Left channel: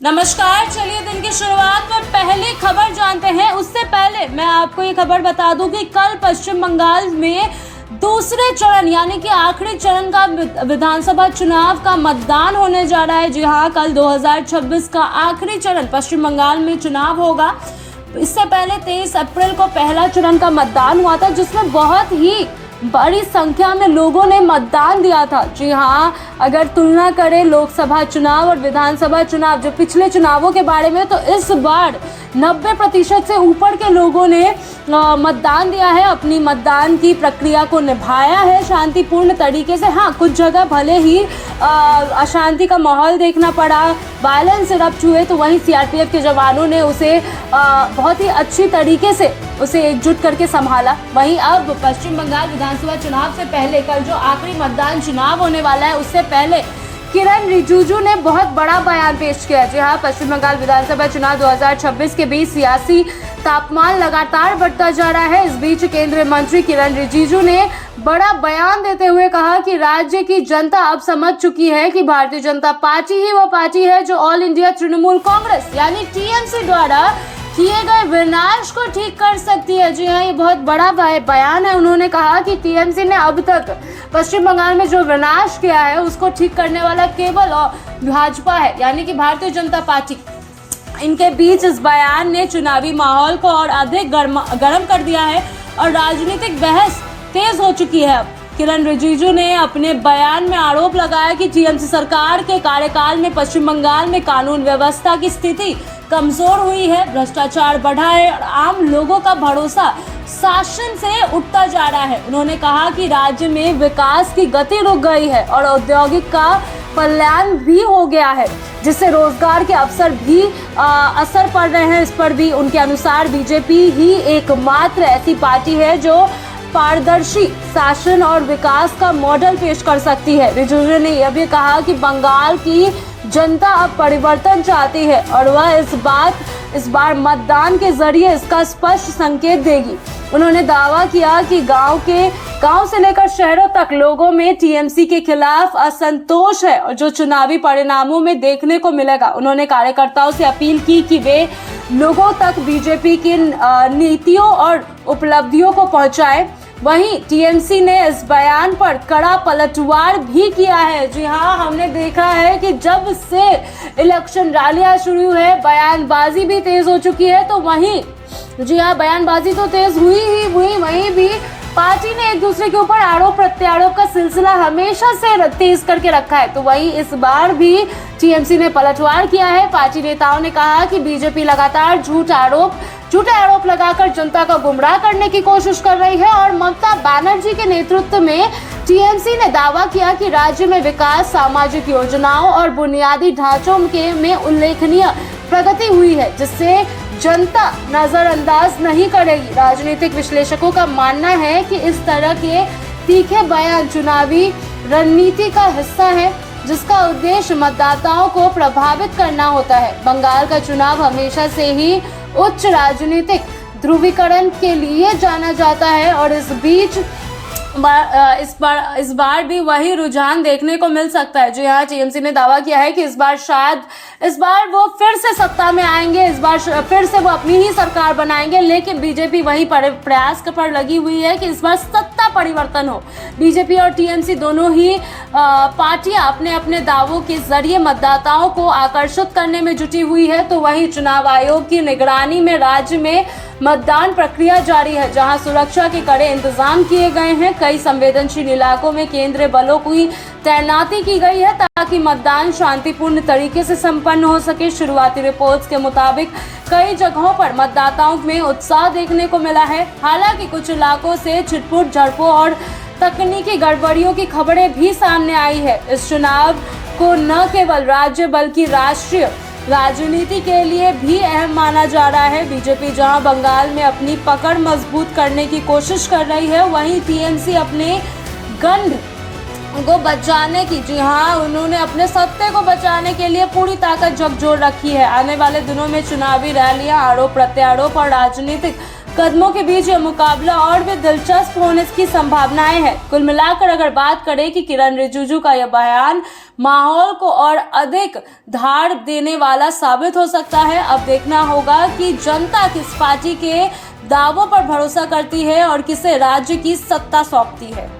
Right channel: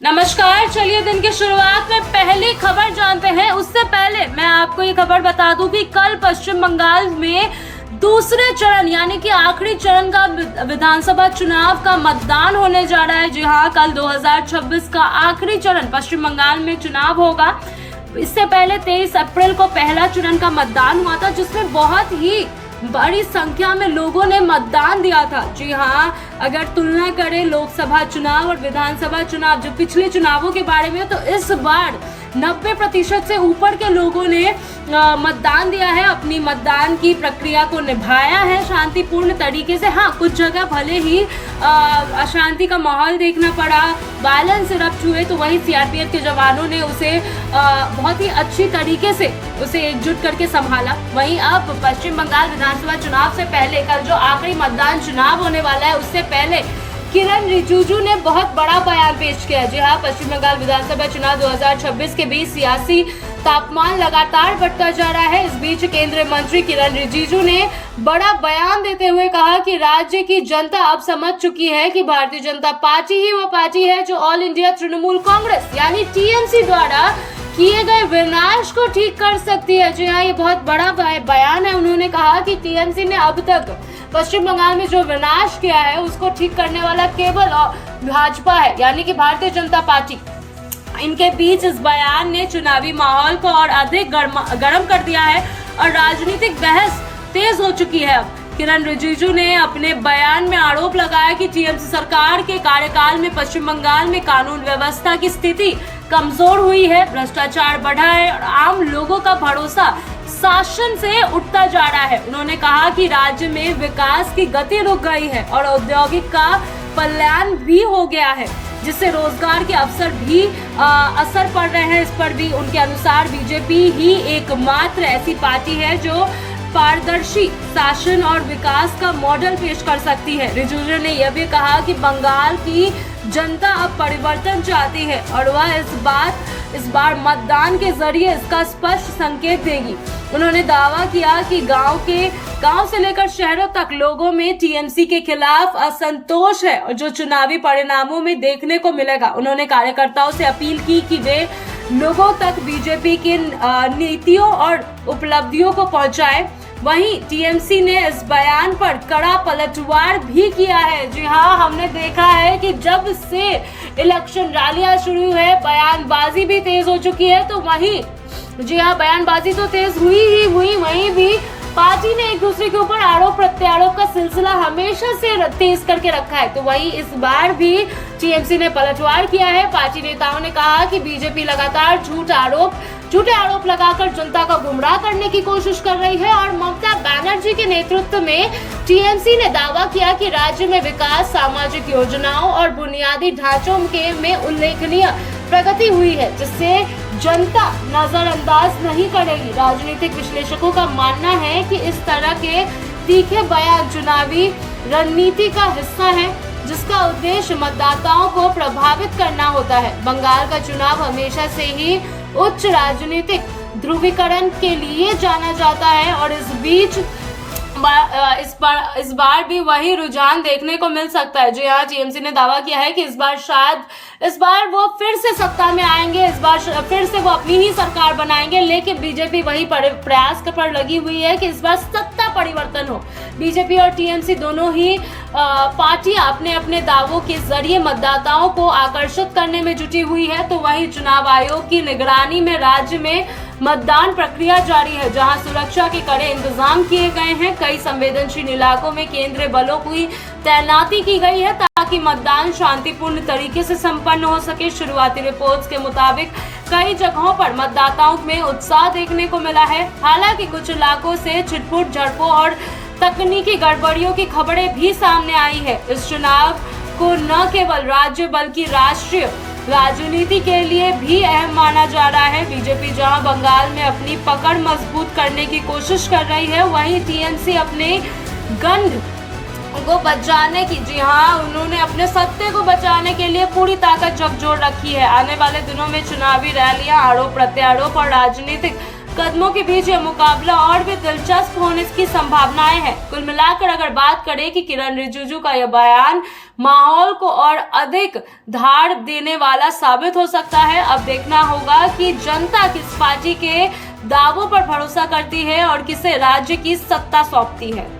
नमस्कार। चलिए दिन की शुरुआत में पहली खबर जानते हैं। उससे पहले मैं आपको ये खबर बता दूं कि कल पश्चिम बंगाल में दूसरे चरण यानी कि आखिरी चरण का विधानसभा चुनाव का मतदान होने जा रहा है। जी हाँ, कल 2026 का आखिरी चरण पश्चिम बंगाल में चुनाव होगा। इससे पहले 23 अप्रैल को पहला चरण का मतदान हुआ था, जिसमें बहुत ही बड़ी संख्या में लोगों ने मतदान दिया था। जी हाँ, अगर तुलना करें लोकसभा चुनाव और विधानसभा चुनाव जो पिछले चुनावों के बारे में, तो इस बार 90% से ऊपर के लोगों ने मतदान दिया है, अपनी मतदान की प्रक्रिया को निभाया है शांतिपूर्ण तरीके से। हाँ, कुछ जगह भले ही अशांति का माहौल देखना पड़ा, वायलेंस इरप्ट हुए, तो वहीं सीआरपीएफ के जवानों ने उसे बहुत ही अच्छी तरीके से उसे एकजुट करके संभाला। वहीं अब पश्चिम बंगाल विधानसभा चुनाव से पहले कल जो आखिरी मतदान चुनाव होने वाला है, उससे पहले किरण रिजिजू ने बहुत बड़ा बयान पेश किया। जी हाँ, पश्चिम बंगाल विधानसभा चुनाव 2026 के बीच सियासी तापमान लगातार बढ़ता जा रहा है। इस बीच केंद्रीय मंत्री किरण रिजिजू ने बड़ा बयान देते हुए कहा कि राज्य की जनता अब समझ चुकी है कि भारतीय जनता पार्टी ही वो पार्टी है जो ऑल इंडिया तृणमूल कांग्रेस यानी टीएमसी द्वारा किए गए विनाश को ठीक कर सकती है। जी हाँ, ये बहुत बड़ा बयान है। उन्होंने कहा कि टीएमसी ने अब तक पश्चिम बंगाल में जो विनाश किया है उसको ठीक करने वाला केवल भाजपा है यानी कि भारतीय जनता पार्टी। इनके बीच इस बयान ने चुनावी माहौल को और अधिक गर्म कर दिया है और राजनीतिक बहस तेज हो चुकी है। अब किरण रिजिजू ने अपने बयान में आरोप लगाया कि टीएमसी सरकार के कार्यकाल में पश्चिम बंगाल में कानून व्यवस्था की स्थिति कमजोर हुई है, भ्रष्टाचार बढ़ा है और आम लोगों का भरोसा शासन से उठता जा रहा है। उन्होंने कहा कि राज्य में विकास की गति रुक गई है और औद्योगिक का पलायन भी हो गया है, जिससे रोजगार के अवसर भी असर पड़ रहे हैं। इस पर भी उनके अनुसार बीजेपी ही एकमात्र ऐसी पार्टी है जो पारदर्शी शासन और विकास का मॉडल पेश कर सकती है। रिजिजू ने यह भी कहा कि बंगाल की जनता अब परिवर्तन चाहती है और वह इस बार मतदान के जरिए इसका स्पष्ट संकेत देगी। उन्होंने दावा किया कि गांव से लेकर शहरों तक लोगों में टीएमसी के खिलाफ असंतोष है और जो चुनावी परिणामों में देखने को मिलेगा। उन्होंने कार्यकर्ताओं से अपील की कि वे लोगों तक बीजेपी की नीतियों और उपलब्धियों को पहुंचाएं। वहीं टीएमसी ने इस बयान पर कड़ा पलटवार भी किया है। जी हाँ, हमने देखा है कि जब से इलेक्शन रैलियां शुरू है, बयानबाजी भी तेज हो चुकी है। तो वहीं जी हाँ, बयानबाजी तो तेज हुई, वहीं भी पार्टी ने एक दूसरे के ऊपर आरोप प्रत्यारोप का सिलसिला हमेशा से तेज करके रखा है। तो वहीं इस बार भी टीएमसी ने पलटवार किया है। पार्टी नेताओं ने कहा कि बीजेपी लगातार झूठे आरोप लगाकर जनता को गुमराह करने की कोशिश कर रही है और ममता बनर्जी के नेतृत्व में टीएमसी ने दावा किया कि राज्य में विकास, सामाजिक योजनाओं और बुनियादी ढांचों में उल्लेखनीय प्रगति हुई है, जिससे जनता नजरअंदाज नहीं करेगी। राजनीतिक विश्लेषकों का मानना है कि इस तरह के तीखे बयान चुनावी रणनीति का हिस्सा है, जिसका उद्देश्य मतदाताओं को प्रभावित करना होता है। बंगाल का चुनाव हमेशा से ही उच्च राजनीतिक ध्रुवीकरण के लिए जाना जाता है और इस बार भी वही रुझान देखने को मिल सकता है। जी हाँ, टीएमसी ने दावा किया है कि इस बार वो फिर से सत्ता में आएंगे, इस बार फिर से वो अपनी ही सरकार बनाएंगे। लेकिन बीजेपी वही प्रयास पर लगी हुई है कि इस बार सत्ता परिवर्तन हो। बीजेपी और टीएमसी दोनों ही पार्टियां अपने अपने दावों के जरिए मतदाताओं को आकर्षित करने में जुटी हुई है। तो वहीं चुनाव आयोग की निगरानी में राज्य में मतदान प्रक्रिया जारी है, जहां सुरक्षा के कड़े इंतजाम किए गए हैं। कई संवेदनशील इलाकों में केंद्रीय बलों की तैनाती की गई है ताकि मतदान शांतिपूर्ण तरीके से संपन्न हो सके। शुरुआती रिपोर्ट्स के मुताबिक कई जगहों पर मतदाताओं में उत्साह देखने को मिला है। हालांकि कुछ इलाकों से छिटपुट झड़पों और तकनीकी गड़बड़ियों की खबरें भी सामने आई है। इस चुनाव को न केवल राज्य बल्कि राष्ट्रीय राजनीति के लिए भी अहम माना जा रहा है। बीजेपी जहां बंगाल में अपनी पकड़ मजबूत करने की कोशिश कर रही है, वहीं टीएमसी अपने गंध को बचाने की, जी हाँ, उन्होंने अपने सत्ते को बचाने के लिए पूरी ताकत झकझोर रखी है। आने वाले दिनों में चुनावी रैलियां, आरोप प्रत्यारोप और राजनीतिक कदमों के बीच यह मुकाबला और भी दिलचस्प होने की संभावनाएं हैं। कुल मिलाकर अगर बात करें कि किरण रिजिजू का यह बयान माहौल को और अधिक धार देने वाला साबित हो सकता है। अब देखना होगा कि जनता किस पार्टी के दावों पर भरोसा करती है और किसे राज्य की सत्ता सौंपती है।